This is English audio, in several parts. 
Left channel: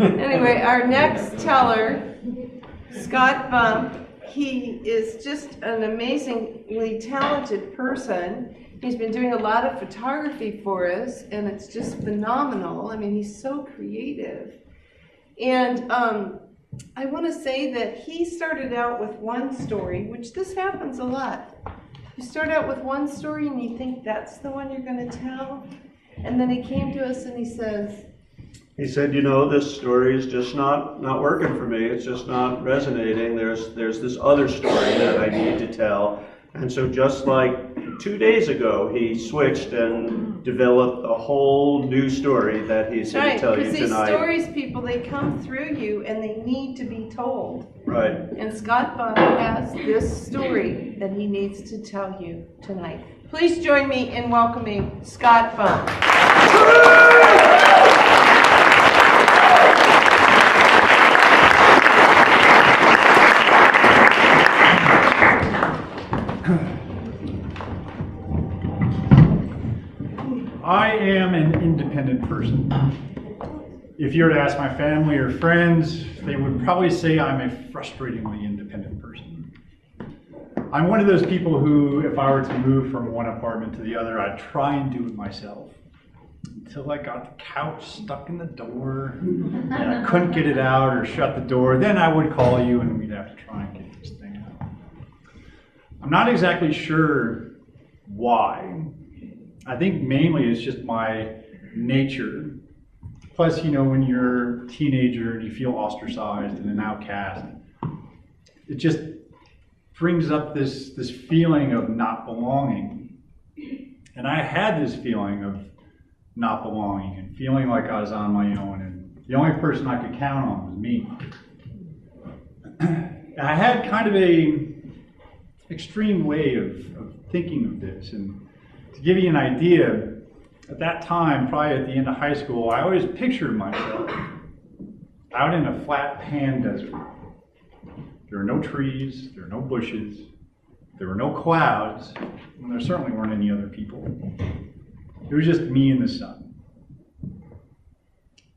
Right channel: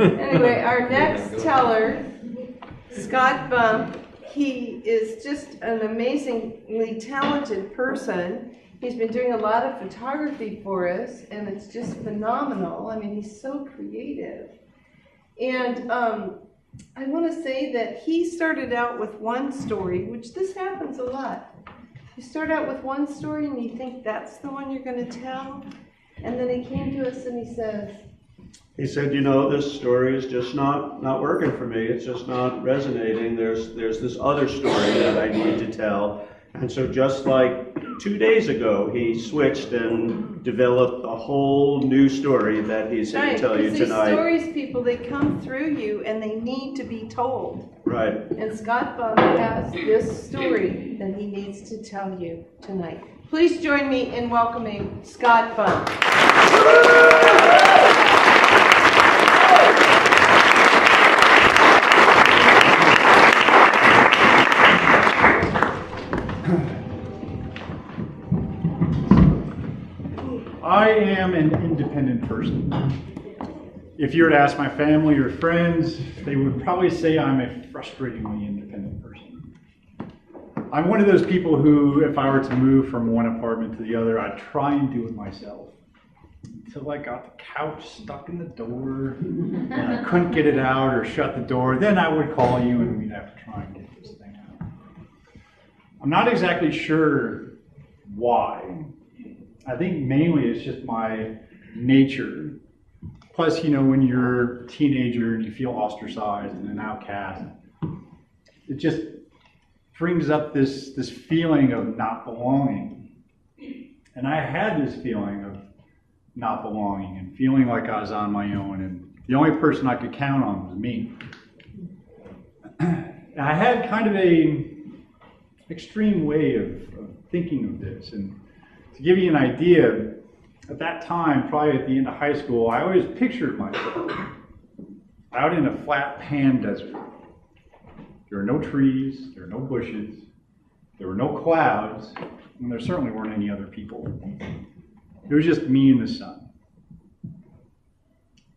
Anyway, our next teller, Scott Bump, he is just an amazingly talented person. He's been doing a lot of photography for us, and it's just phenomenal. I mean, he's so creative. And I want to say that he started out with one story, which this happens a lot. You start out with one story and you think that's the one you're going to tell. And then he came to us and he said, you know, this story is just not working for me. It's just not resonating. There's this other story that I need to tell. And so just like 2 days ago, he switched and developed a whole new story that he's going to tell you tonight. Because these stories, people, they come through you and they need to be told. Right. And Scott Bump has this story that he needs to tell you tonight. Please join me in welcoming Scott Bump. I am an independent person. If you were to ask my family or friends, they would probably say I'm a frustratingly independent person. I'm one of those people who, if I were to move from one apartment to the other, I'd try and do it myself. Until I got the couch stuck in the door, and I couldn't get it out or shut the door, then I would call you and we'd have to try and get this thing out. I'm not exactly sure why. I think mainly it's just my nature. Plus, you know, when you're a teenager and you feel ostracized and an outcast, it just brings up this feeling of not belonging. And I had this feeling of not belonging and feeling like I was on my own, and the only person I could count on was me. I had kind of a extreme way of thinking of this, and to give you an idea, at that time, probably at the end of high school, I always pictured myself out in a flat pan desert. There were no trees, there were no bushes, there were no clouds, and there certainly weren't any other people. It was just me and the sun.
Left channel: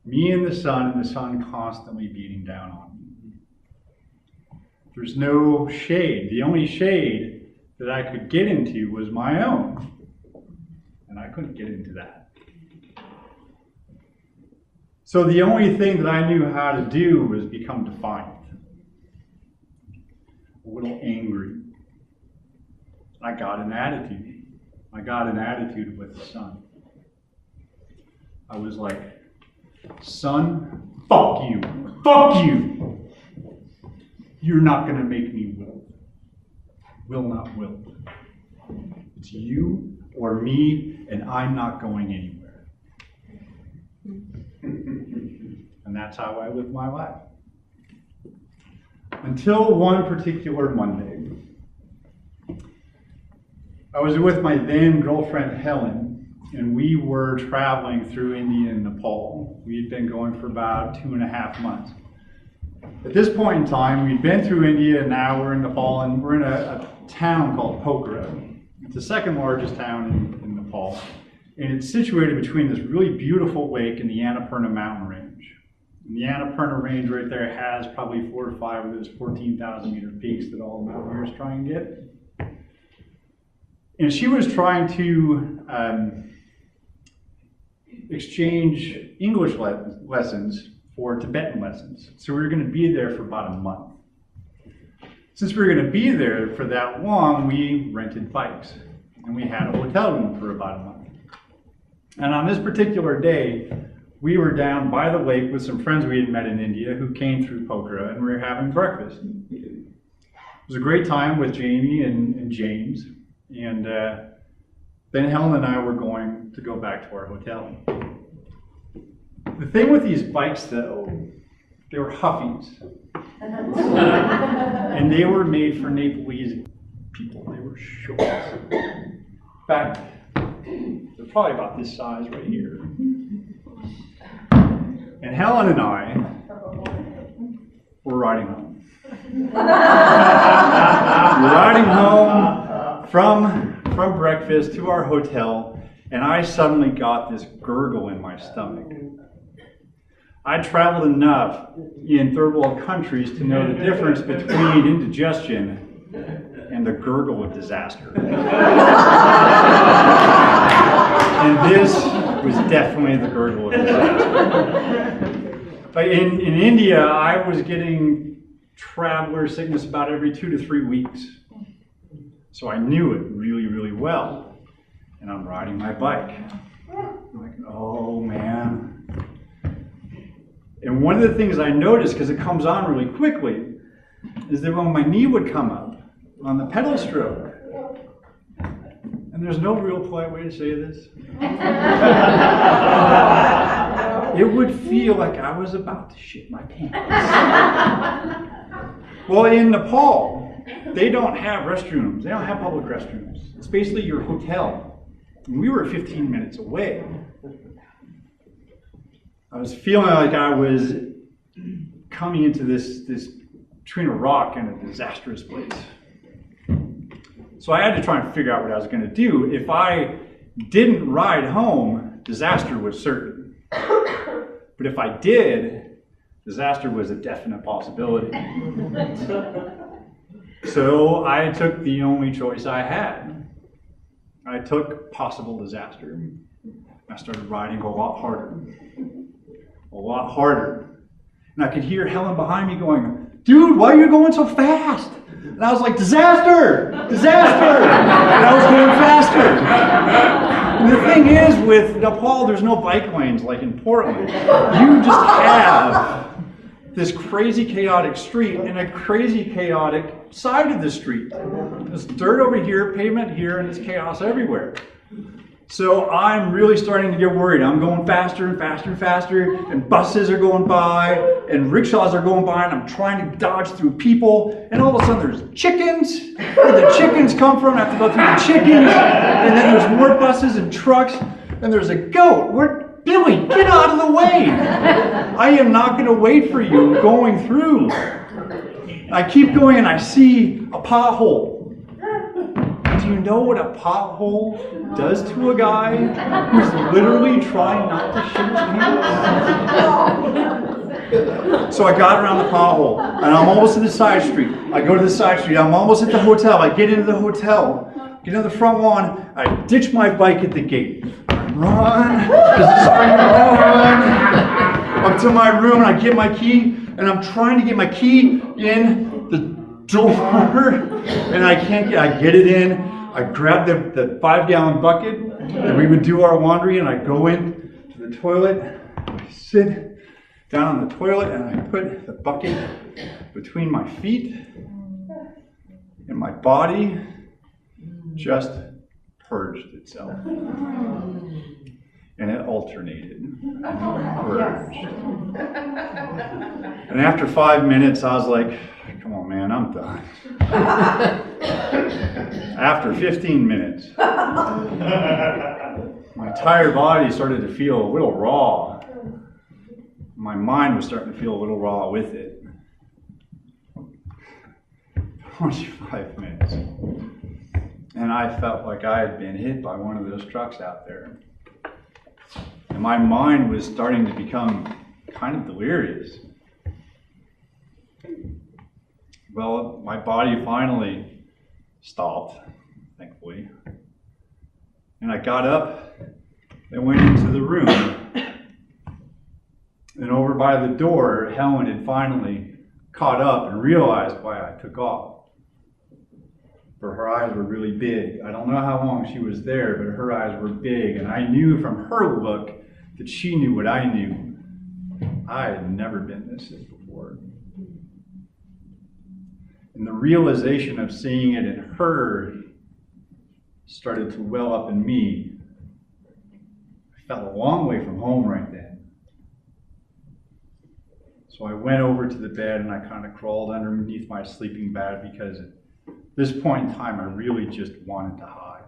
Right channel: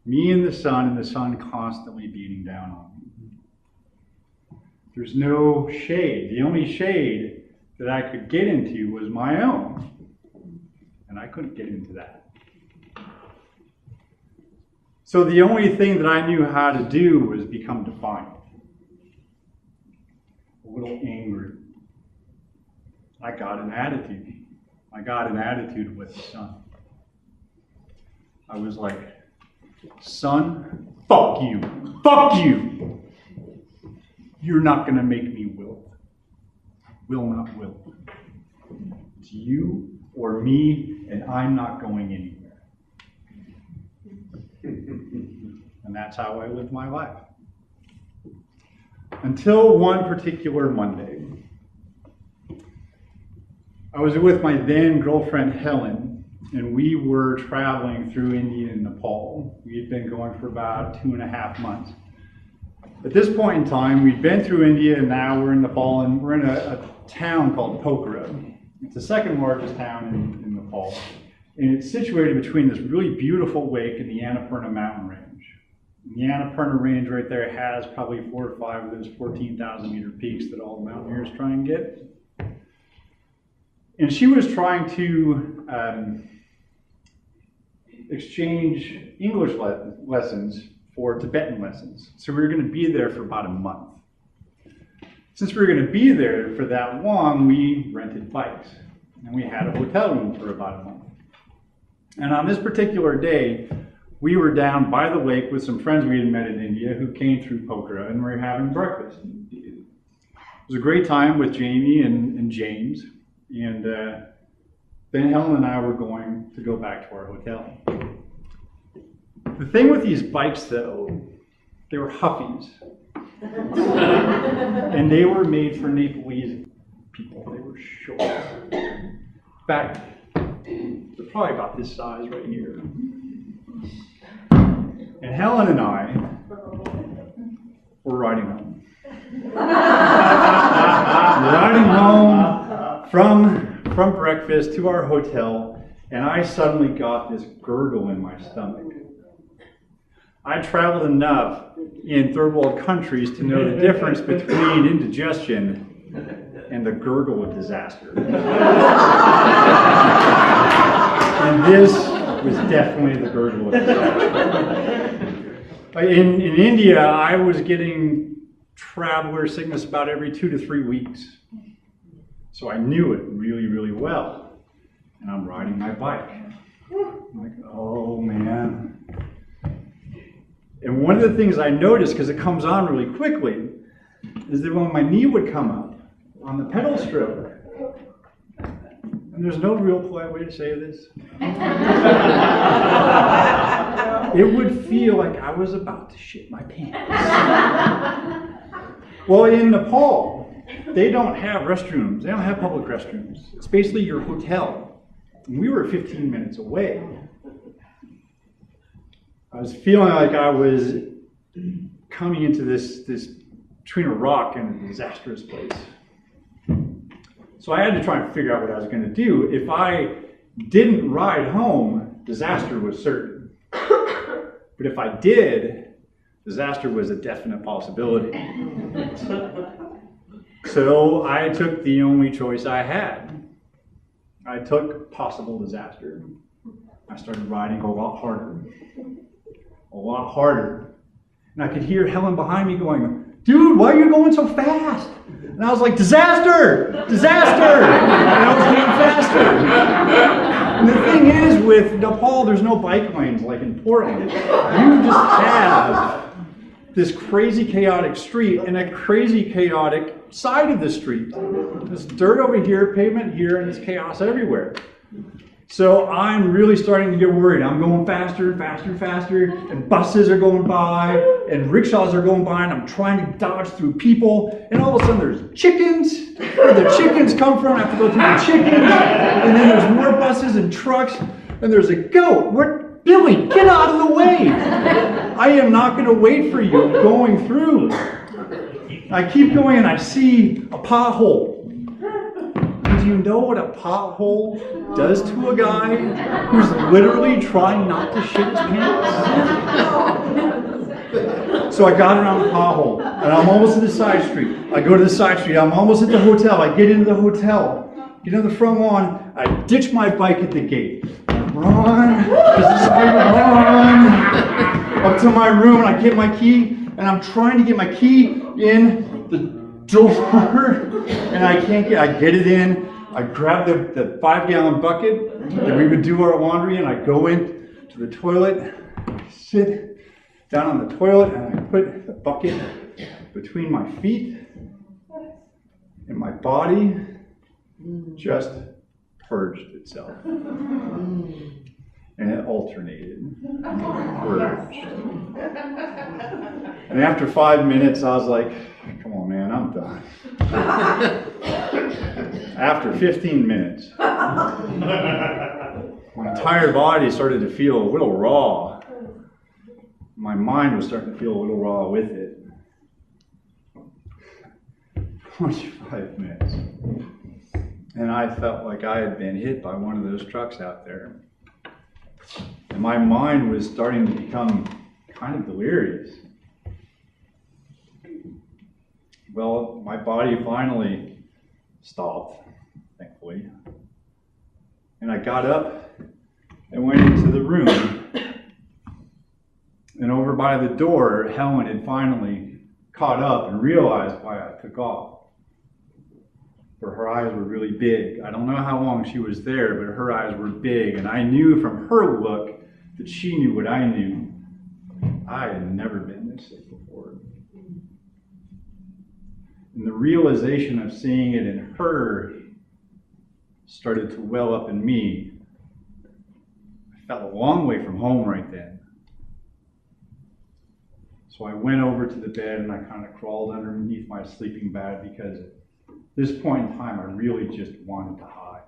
Me and the sun constantly beating down on me. There's no shade. The only shade that I could get into was my own. And I couldn't get into that. So the only thing that I knew how to do was become defiant. A little angry. I got an attitude. I got an attitude with the sun. I was like, sun, fuck you. Fuck you. You're not going to make me wilt. Will not wilt. It's you or me, and I'm not going anywhere. And that's how I live my life. Until one particular Monday. I was with my then girlfriend Helen, and we were traveling through India and Nepal. We had been going for about 2.5 months. At this point in time, we'd been through India, and now we're in Nepal, and we're in a town called Pokhara. It's the second largest town in Nepal, and it's situated between this really beautiful lake and the Annapurna mountain range. And the Annapurna range right there has probably 4 or 5 of those 14,000 meter peaks that all the mountaineers try and get. And she was trying to exchange English lessons for Tibetan lessons. So we were going to be there for about a month. Since we were going to be there for that long, we rented bikes. And we had a hotel room for about a month. And on this particular day, we were down by the lake with some friends we had met in India who came through Pokhara, and we were having breakfast. It was a great time with Jamie and James. And then Helen and I were going to go back to our hotel. The thing with these bikes, though, they were Huffies. And they were made for Nepalese people. They were short. In fact, they're probably about this size right here. And Helen and I were riding home. We're riding home from breakfast to our hotel, and I suddenly got this gurgle in my stomach. I traveled enough in third world countries to know the difference between indigestion and the gurgle of disaster. And this was definitely the gurgle of disaster. In India, I was getting traveler sickness about every 2 to 3 weeks. So I knew it really, really well. And I'm riding my bike. I'm like, oh man. And one of the things I noticed, because it comes on really quickly, is that when my knee would come up on the pedal stroke, and there's no real polite way to say this, it would feel like I was about to shit my pants. Well, in Nepal, they don't have restrooms. They don't have public restrooms. It's basically your hotel. And we were 15 minutes away. I was feeling like I was coming into this between a rock and a disastrous place. So I had to try and figure out what I was going to do. If I didn't ride home, disaster was certain. But if I did, disaster was a definite possibility. So I took the only choice I had. I took possible disaster. I started riding a lot harder. A lot harder. And I could hear Helen behind me going, dude, why are you going so fast? And I was like, disaster! Disaster! And I was going faster. And the thing is, with Nepal, there's no bike lanes like in Portland. You just have this crazy chaotic street and a crazy chaotic side of the street. There's dirt over here, pavement here, and it's chaos everywhere. So I'm really starting to get worried. I'm going faster and faster and faster, and buses are going by, and rickshaws are going by, and I'm trying to dodge through people, and all of a sudden there's chickens. Where the chickens come from, I have to go through the chickens, and then there's more buses and trucks, and there's a goat. Billy, get out of the way! I am not going to wait for you. I'm going through. I keep going, and I see a pothole. Do you know what a pothole does to a guy who's literally trying not to shit his pants? So I got around the pothole, and I'm almost at the side street. I go to the side street. I'm almost at the hotel. I get into the hotel, get on the front lawn. I ditch my bike at the gate. Run, run up to my room, and I get my key, and I'm trying to get my key in the door, and I can't get. I get it in. I grab the 5-gallon bucket that we would do our laundry, and I go in to the toilet. I sit down on the toilet, and I put the bucket between my feet, and my body just purged itself. And it alternated and purged. And after 5 minutes, I was like, come on, man, I'm done. After 15 minutes, my entire body started to feel a little raw. My mind was starting to feel a little raw with it. 25 minutes. And I felt like I had been hit by one of those trucks out there. And my mind was starting to become kind of delirious. Well, my body finally stopped, thankfully. And I got up and went into the room. And over by the door, Helen had finally caught up and realized why I took off. For her eyes were really big. I don't know how long she was there, but her eyes were big. And I knew from her look that she knew what I knew. I had never been this sick before. And the realization of seeing it in her started to well up in me. I felt a long way from home right then. So I went over to the bed and I kind of crawled underneath my sleeping bag because at this point in time I really just wanted to hide.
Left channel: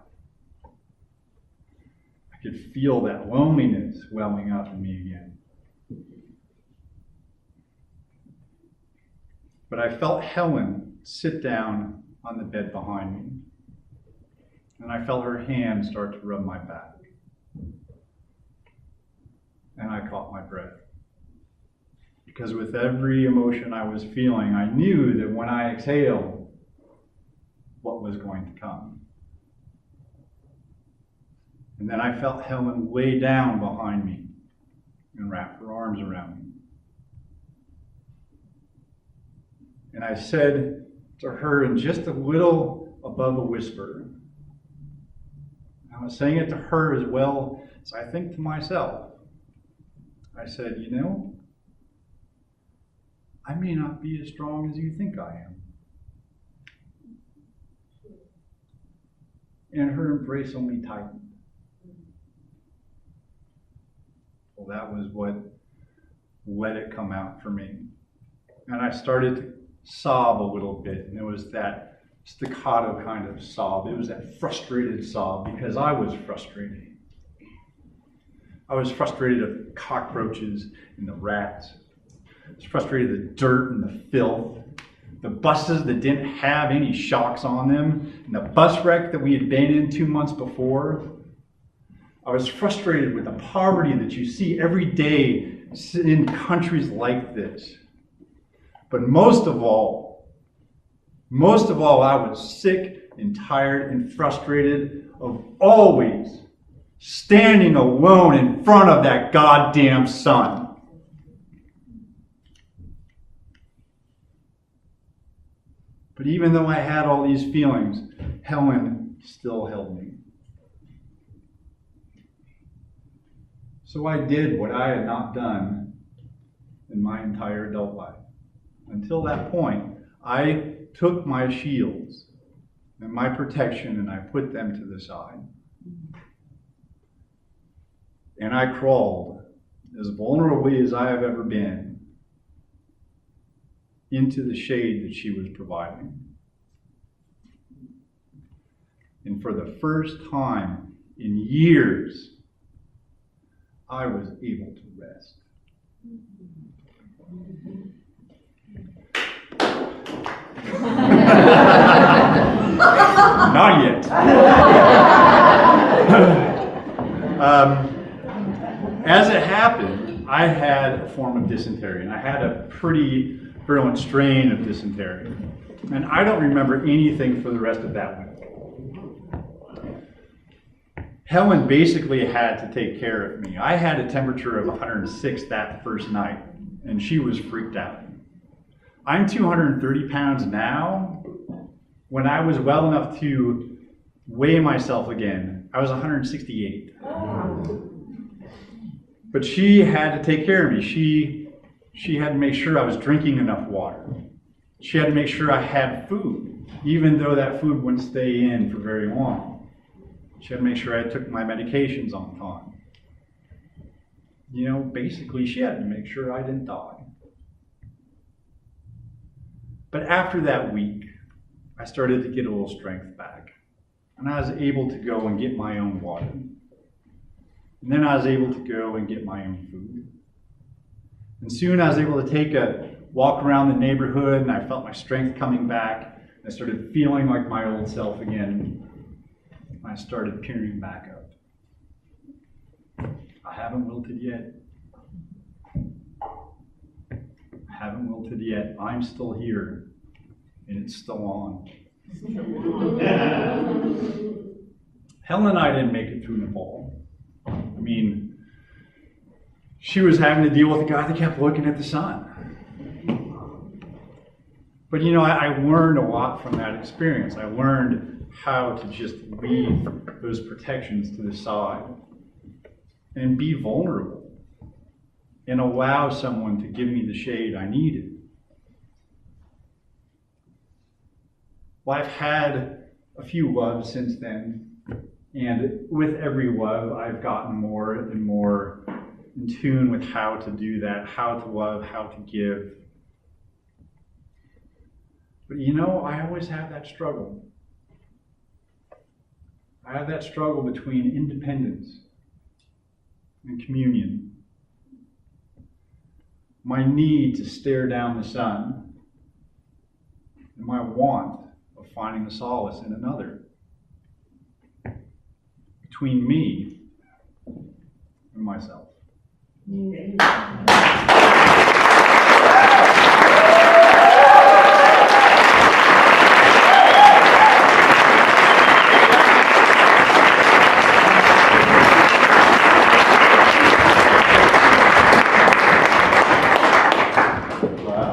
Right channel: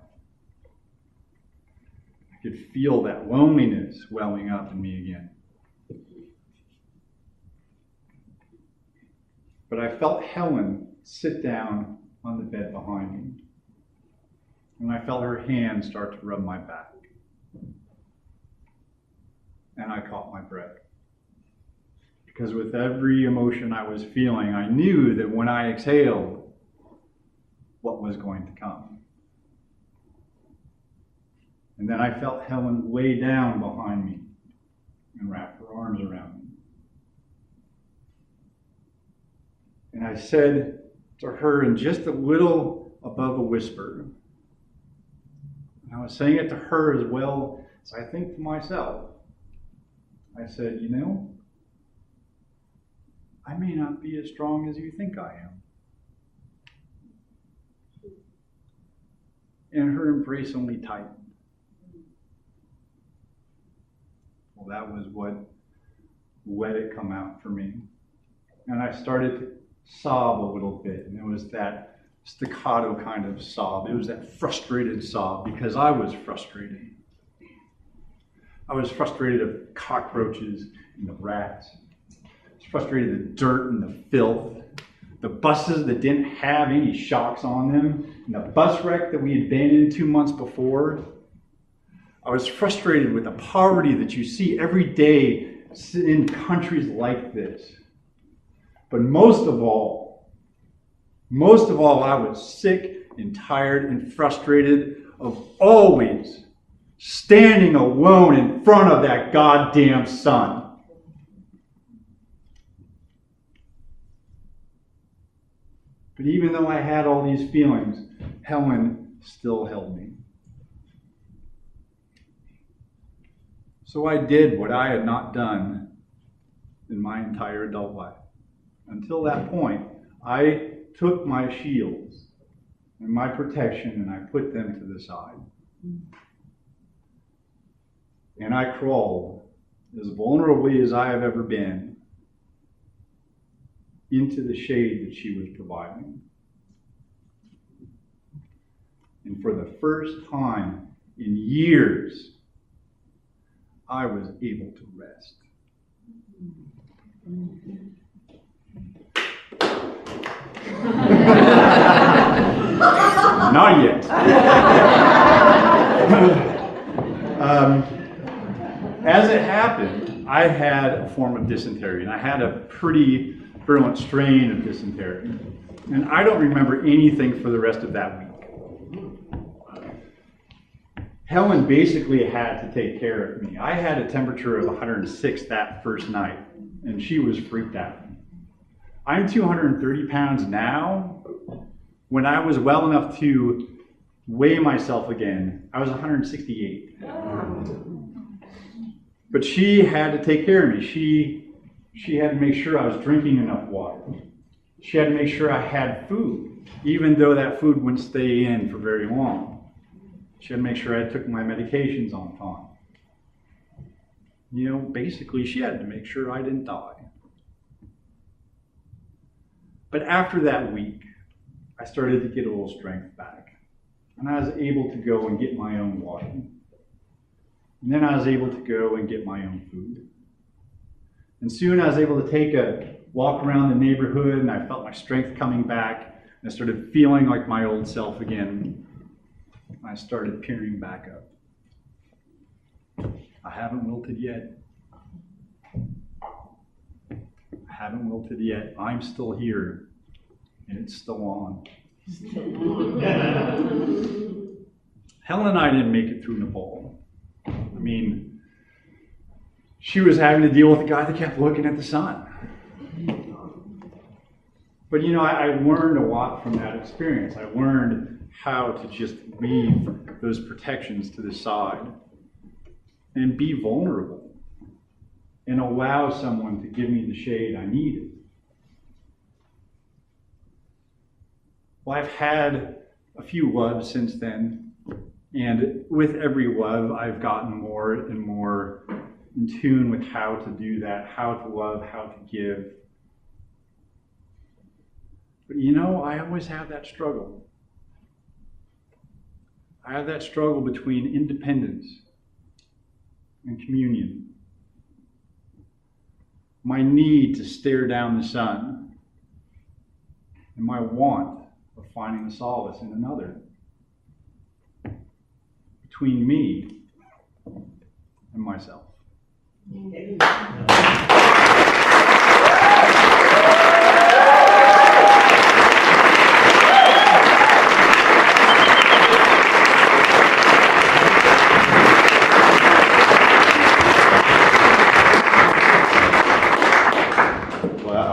I could feel that loneliness welling up in me again. But I felt Helen sit down on the bed behind me. And I felt her hand start to rub my back. And I caught my breath. Because with every emotion I was feeling, I knew that when I exhaled, what was going to come. And then I felt Helen lay down behind me and wrap her arms around me. And I said to her in just a little above a whisper, and I was saying it to her as well as I think to myself, I said, you know, I may not be as strong as you think I am. And her embrace only tightened. Well, that was what let it come out for me. And I started to sob a little bit, and it was that staccato kind of sob. It was that frustrated sob because I was frustrated. I was frustrated at the cockroaches and the rats. I was frustrated at the dirt and the filth. The buses that didn't have any shocks on them, and the bus wreck that we had been in 2 months before. I was frustrated with the poverty that you see every day in countries like this. But most of all, I was sick and tired and frustrated of always standing alone in front of that goddamn sun. But even though I had all these feelings, Helen still held me. So I did what I had not done in my entire adult life. Until that point, I took my shields and my protection and I put them to the side. And I crawled, as vulnerably as I have ever been, into the shade that she was providing. And for the first time in years, I was able to rest. Not yet. As it happened, I had a form of dysentery, and I had a pretty virulent strain of dysentery. And I don't remember anything for the rest of that week. Helen basically had to take care of me. I had a temperature of 106 that first night, and she was freaked out. I'm 230 pounds now. When I was well enough to weigh myself again, I was 168. But she had to take care of me. She had to make sure I was drinking enough water. She had to make sure I had food, even though that food wouldn't stay in for very long. She had to make sure I took my medications on time. You know, basically, she had to make sure I didn't die. But after that week, I started to get a little strength back. And I was able to go and get my own water. And then I was able to go and get my own food. And soon I was able to take a walk around the neighborhood, and I felt my strength coming back. And I started feeling like my old self again. I started peering back up. I haven't wilted yet. I haven't wilted yet. I'm still here, and it's still on. Helen and I didn't make it through Nepal. I mean, she was having to deal with a guy that kept looking at the sun. But you know, I learned a lot from that experience. I learned how to just leave those protections to the side and be vulnerable and allow someone to give me the shade I needed. Well, I've had a few loves since then, and with every love, I've gotten more and more in tune with how to do that, how to love, how to give. But you know, I always have that struggle. I have that struggle between independence and communion. My need to stare down the sun and my want of finding a solace in another. Between me and myself.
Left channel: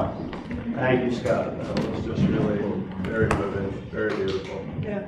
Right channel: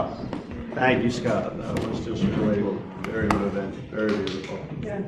job. Thank you, Scott. That was just really very moving, very beautiful. Yeah.